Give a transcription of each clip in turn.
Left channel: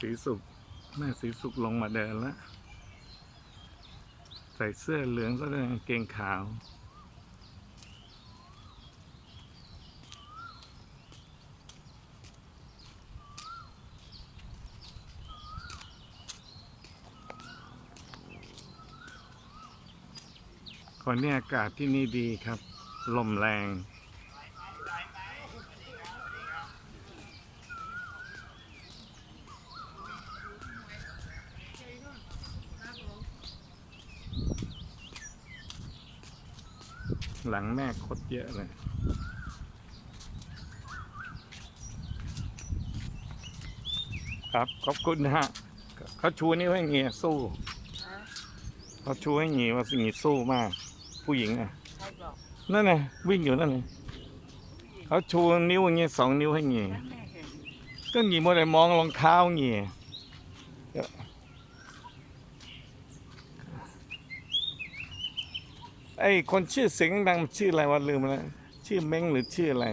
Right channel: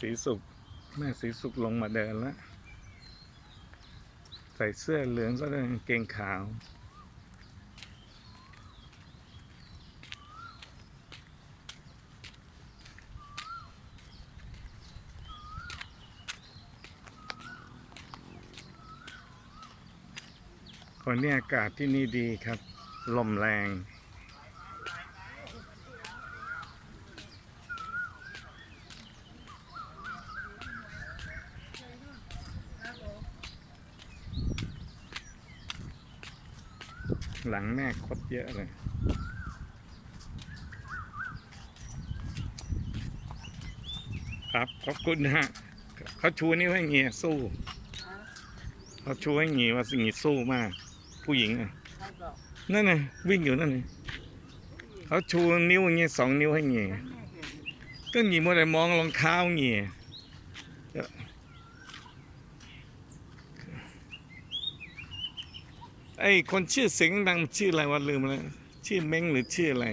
สีสุขแม่สีสุขลงมาเดินแล้ว ใส่เสื้อเหลืองซะด้วยกางเกงขาว คนนี้อากาศที่นี่ดีครับ ลมแรง หลังแม่คดเยอะเลยครับขอบคุณนะฮะเขาชูนิ้วให้เงียสู้เขาชูให้เงียว่าสิ่งนี้สู้มาก ผู้หญิงอะใครบอกนั่นไงวิ่งอยู่นั่นไงเขาชูนิ้วอย่างเงี้ยสองนิ้วให้เงียฉันไม่เห็นก็หงีมัวแต่มองรองเท้าเงีย ไอ้คนชื่อเสียงดังชื่ออะไรวะลืมแล้วชื่อเม้งหรือชื่ออะไร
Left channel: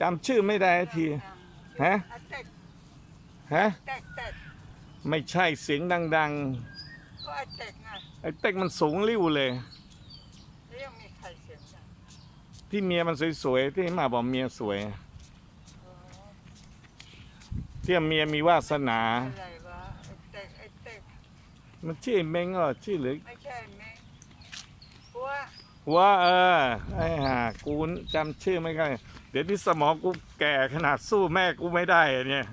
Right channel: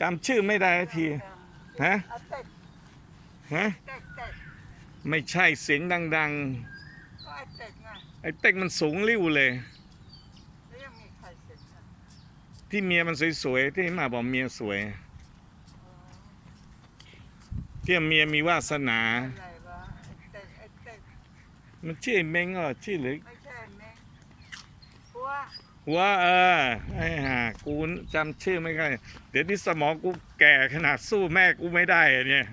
จำชื่อไม่ได้ทีฮะฮะไม่ใช่เสียงดังก็ไอ้เต็ดไงๆไอ้เต็กมันสูงริ้วเลยที่เมียมันสวยๆที่มาบอกเมียสวยที่เมียมีวาสนา อะไรวะไอ้เต็ดไอ้เต็ด มันชื่อไอ้เม้งอะชื่อหรือไม่ใช่แม่เพราะว่าว่าเออไอ้ห่ากูจำชื่อไม่ได้เดี๋ยวนี้สมองกูแก่ขนาดสู้แม่กูไม่ได้อะเนี่ย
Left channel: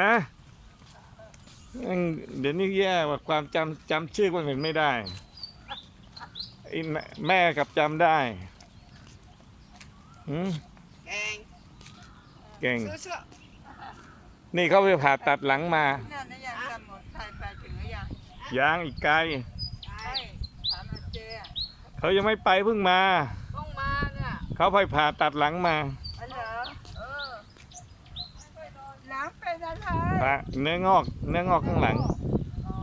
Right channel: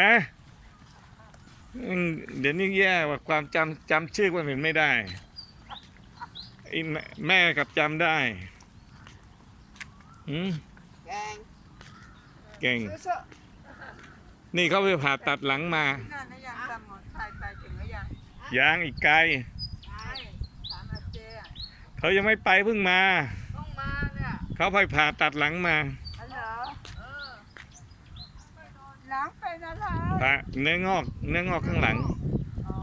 ฮะอืมเดี๋ยวนี้แย่ว่าความจำจำชื่อคนอื่นไม่ได้ไอ้แม่แม่กับจำได้อืมแกงเก่งซื้อเสื้อนี่เขาไปผ่าตัดหลังมานั่นนะยังสมุนไพรไปถึงหรือ ยังยางอีกไกล ใช่ถามอาเจอะเขายังไม่ไปเพิ่งมา ต้องมาเนี่ยเขาไปผ่าตัดหลังมาอันเหรอเออหลังเป็นอะไรผ่าเนื้องอก เนื้องอกข้างหลัง อ๋อ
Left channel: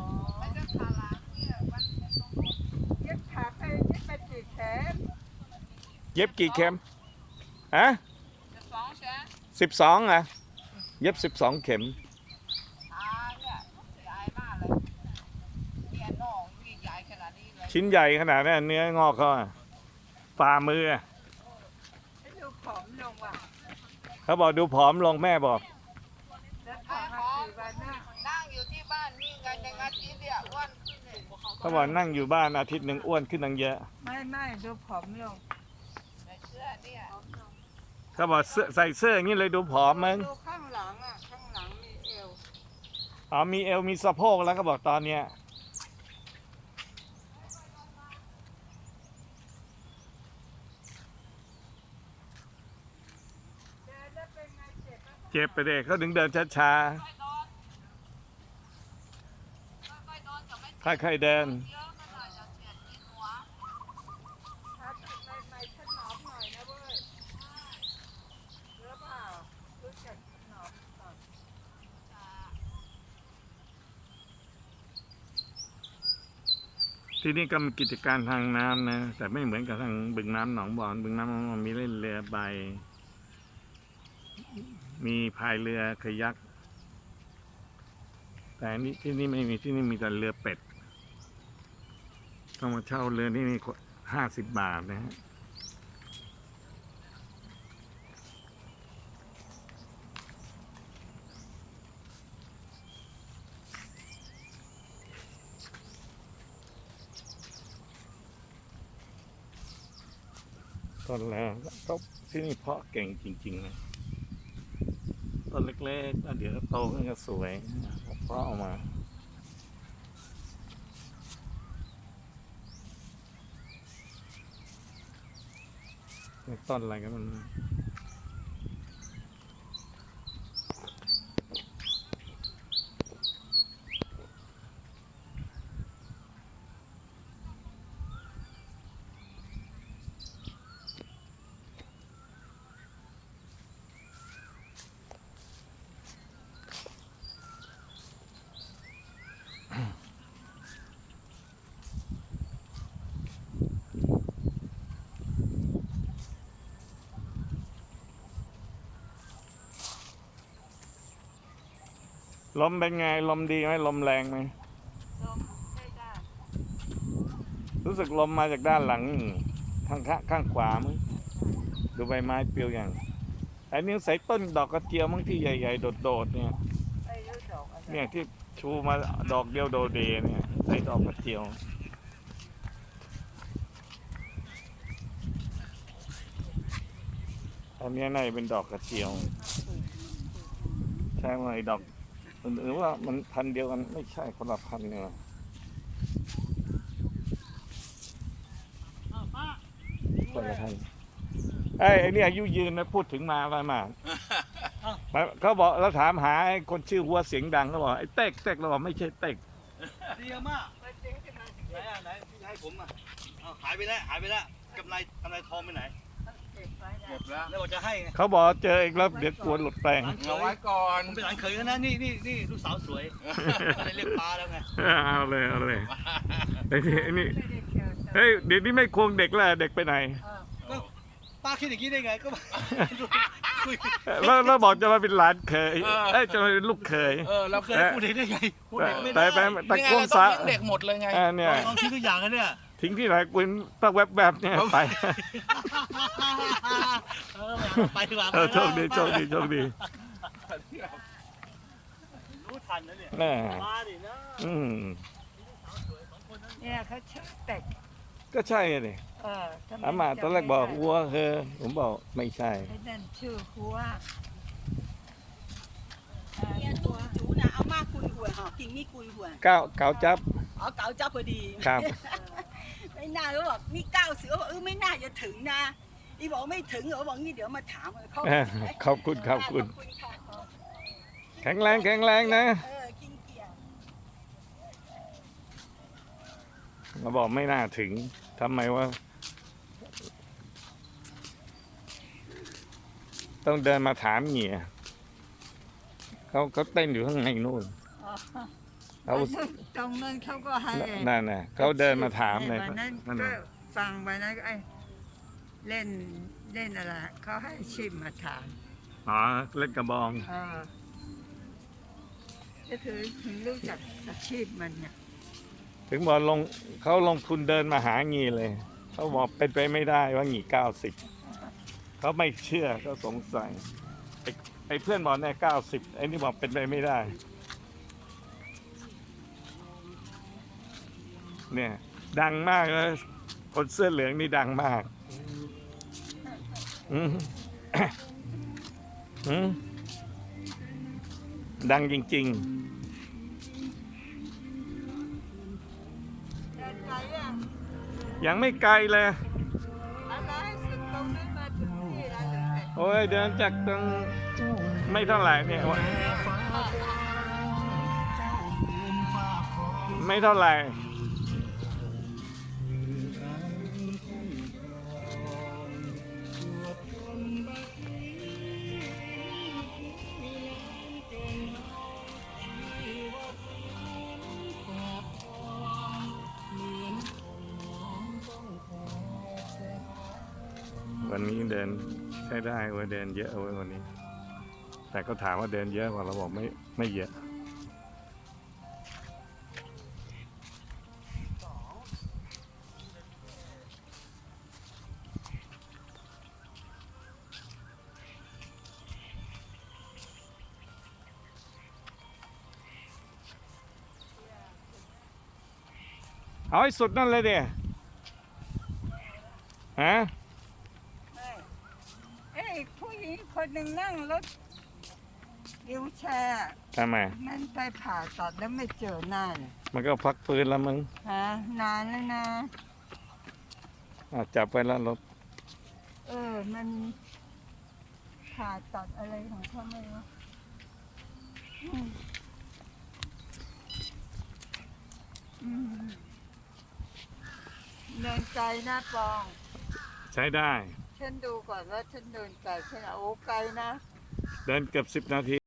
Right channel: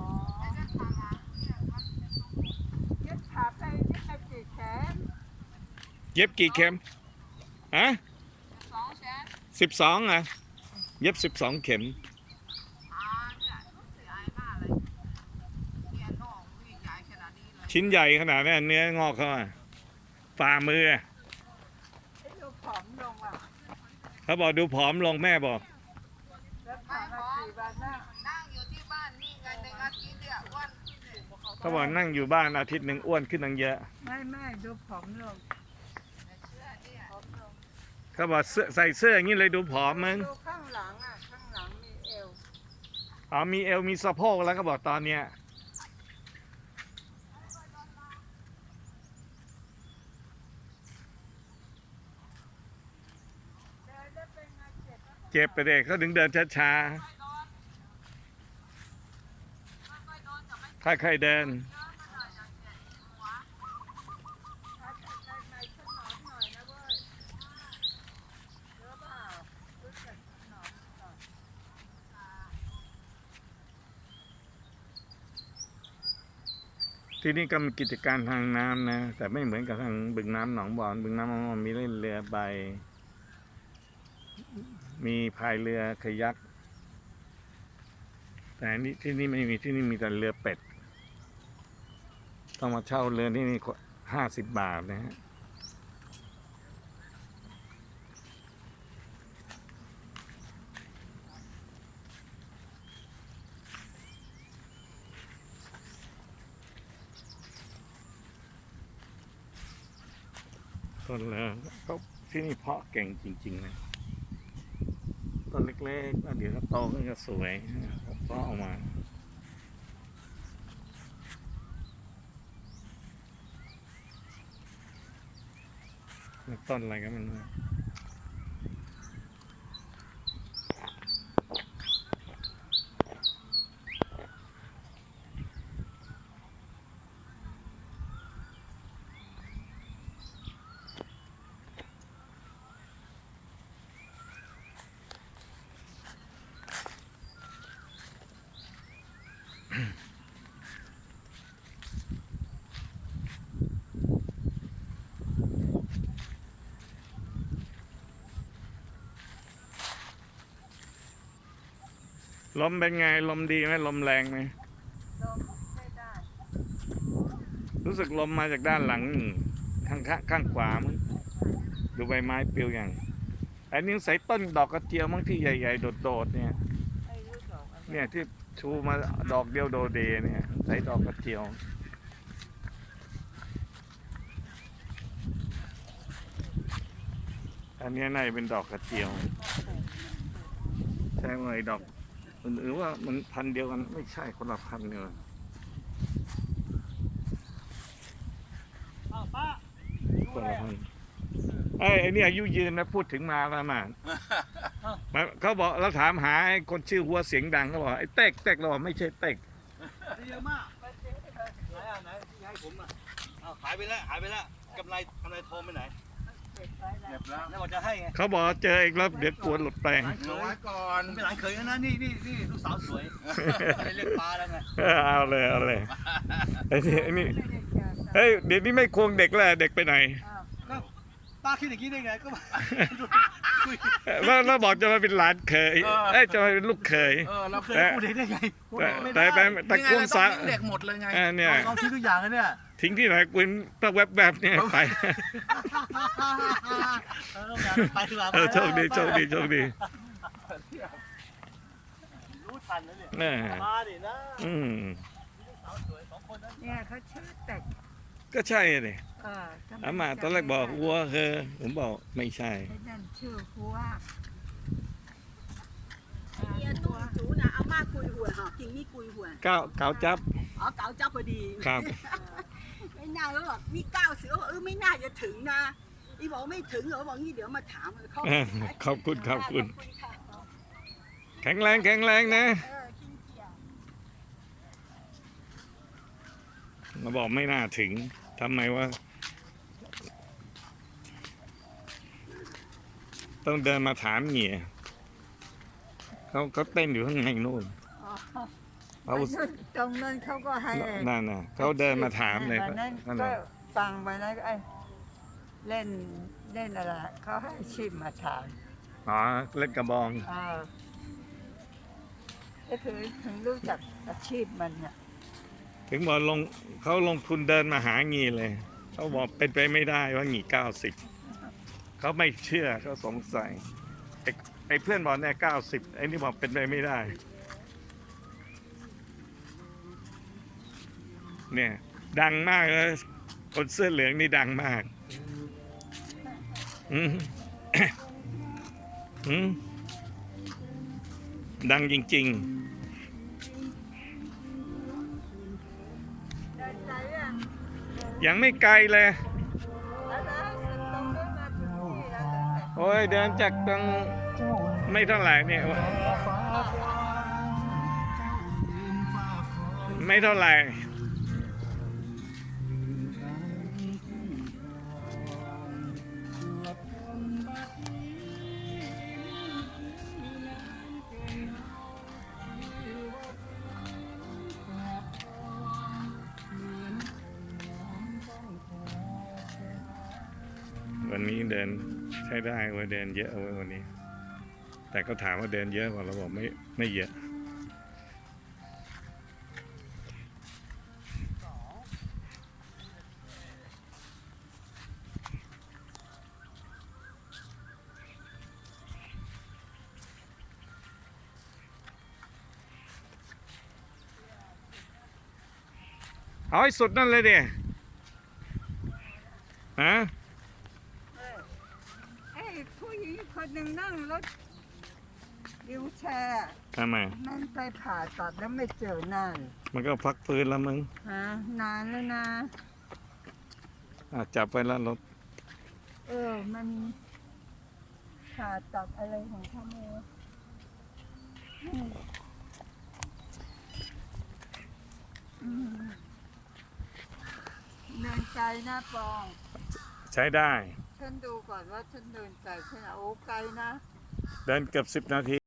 เย็บขาไปเย็บไปกี่แขนเย็บกี่เข็มฮะสองแสนสิบสองอะ เย็บสิบสองเข็ม ขาเนี่ยใหญ่มากเลยเนี่ยน่องที่ใหญ่ขนาดนี้เลย ชิ้นใหญ่ขนาดนั้นเนื้องอกเขาอะฝ่ามืออะให้ดูผอมลงว่ะเขาบอกดูผอมลงแม่บอกแล้วผ่านมาสี่วันน่ะนั่งอยู่ที่บ้านนี่ไงในอาทิตย์เนี่ยอ้วนขึ้นเลยเขาบอกนั่งอยู่บ้านอาทิตย์หนึ่งอ้วนขึ้นตั้งเยอะไม่ไม่ดูผอมลงแต่เสื้อเนี่ยผอมลงเขาบอกเสื้อใส่เสื้ออย่างนี้เลยดูผอมมึงดูข้างหลังอะข้างหลังมีเอวอ๋อมีเอวมีสะโพกแล้วเขาบอกตอนเนี้ย เดินแล้วเป็นไง เจ็บไปเด็กเขาถึงเดินช้าๆค่อยๆเดินที่หัวถ้าตัดใหม่ๆขนอมหน่อยนะเว้ยเรือเปล่ารู้จักขนอมก่อนที่นี่ก็มีกิจการทางน้ำนะ แต่ไม่เหมือนกับทางบึงน้ำหนองบอน บึงน้ำหนองบอนมีเล่นเรือใบ มีพายเรือคายัก แต่นี่ที่นี่ไม่มีที่นี่มีแต่เรือเป็ด ต้องมาเช่าเรือที่นี่ห้าสิบบาทนะฮะต้นแล้วก็ที่นี่เพาะเก่งจริงๆเลย ต้นเล็กๆแล้วเดี๋ยวก็โตขึ้นก็สวยเพาะออามาต้นอะไรกันมัน ลมเป็นไง ลมดีไหมลมแรงไหมลมไม่ได้ รู้สึกลมมาจากด้านหลังข้างข้างข้างขวามั้งดูใบไม้เปลิวอย่างอันนี้ใส่ต้นดอกกระเจียวมั้งที่ใหญ่ ๆ โดดๆเนี่ยเนี่ยที่ชูมาดอกเดียวโดเดเนี่ยใส่ดอกกระเจียวอันนี้ยน่าจะเป็นดอกกระเจียว ใช่ไหมดอก หรือว่ามันพันธุ์เดียวกันไม่ใช่คนละพันธุ์เนี่ยว่ะคนละพันธุ์ไอ้ยไอ้นี่อายุยืนนะพูดถึงมาประมาณมาเขาบอกเราถามหาไอ้คนชื่อหัวเสียงดังเขาบอกไอ้เต็กเต็กเราบอกไม่ใช่เต็กเยอะมากมันจริงที่เราไหนอะไหนที่ให้ผมอะเอาหายไปแล้วหายไปแล้วกำไรกำไรทองไปไหน เก็บไว้ได้เก็บแล้วแล้วบอกจะให้ไงเขาบอกเจออีกแล้วเดี๋ยวกลัวหลุดไปเอาไว้ก่อนผมเป็นหลานเขยกันนะนี่นี่นี่ลูกสาวสวยก็เลยเรียกปลาแล้วไงเออเอาเลยเอาเลยไอ้นี่ไอ้นี่ไม่ได้เจอแต่เฮ้ยเดี๋ยวนี้ไม่ควงเด็กแล้วเด็กไปไหนอ้าวป้าคิดอย่างนี้ได้ไงก็คุยแล้วแล้วบอกจะมาเป็นหลานเคยเอ้ยจะมาเป็นลูกเคยเออแล้วเคยพูดได้ไงพูดแต่ไม่แต่ได้แต่แต่นี่ไงควงเราต้สาองเลี้ยงเด็กหมดเลยไงอ่าเนี่ยลองคิดทุกอย่างกันเนี่ยทิ้งที่ไหนกูต้องแวบแบบๆเนี่ยไปเออไปดีกว่าเออโชคดีโชคดีโชคดีรู้ทันนะเนี่ยแม่มาดินะอืมสาวสวยสองคนนั้นเนี่ยเขาชื่อเป็ดก็ใช่เลยเออทำไอามาตอนแรกบอกวัวเฮอผมบอกไม่ใช่ไอ้นั่นชื่อหัวเออเนี่ยหัตู้วจูนะเอามาคุยหวยหอกินนี่คุยหวยเก้าเก้าจับอ๋อเก๋าเจ้าพอดีครับ ไม่น่าแล้วบอกนี่เก้าสิบเออไม่น่าจะถึงนะนี่บอกไม่ถึงเหรอบอกนี่เดี๋ยวมาถามเขาเออขอบคุณขอบคุณค่ะแข็งแรงแข็งแรงนะเออกินเกียร์มาบอกไม่น่าถึงทำไมวะต้องเดินมาถามเหงี่ยเขาเขาเต้นอยู่ข้างในนู่นอ๋อ เขาวันนั้นตรงนั้นเขาก็ให้นั่นน่ะเขาเดินมาถามเลยวันนั้นนั่นก็น่ะฟังวันนั้นก็ไอ้เล่นเล่นอะไรเขาให้ชิมมาถามอ๋อเล่นกระบองเออก็คือถึงรู้จักอาชีพมันเนี่ยถึงบอกลงเขาลงทุนเดินมาหางีเลย เขาบอกเป็นไปไม่ได้ว่างีเก้าสิบเขาไม่เชื่อเขาสงสัยไอ้ไอ้เพื่อนบอกเนี่ยเก้าสิบไอ้นี่บอกเป็นไปไม่ได้ เนี่ย ดังมากเลยคนเสื้อเหลืองนี่ดังมาก อืมอืมดังจริงๆเดินไกลอะยังไม่ไกลเลย โอ้ยเดินจากตรงไม่เท่าไหร่เนี่ย ไม่เท่าไหร่ วันนี้เดินใช้ได้เว้ยเดินเยอะเว้ยวันนี้ แต่ก็ถามว่าเดินเยอะกว่าเราบอกไม่ไม่เยอะเอาให้สุดนั่นเลยเดียฮะ ผู้หญิงคนหนึ่งนั่งรถวิวแชร์ทำไม มันไปผ่าตัดแล้วไม่เจอหน้าเลยมันก็พักฟื้นแล้วมึงฮะนานแล้วนะ อะจับไปแล้วรถ เออ มันผ่าตัดอะไรของเขาไม่รู้อืมอืมเดินไกลนะปอง ใช้ได้ ฉันดูก่อนว่าฉันเดินไกลแค่ไหนโอ้ไกลนะ เดินเกือบสิบนาที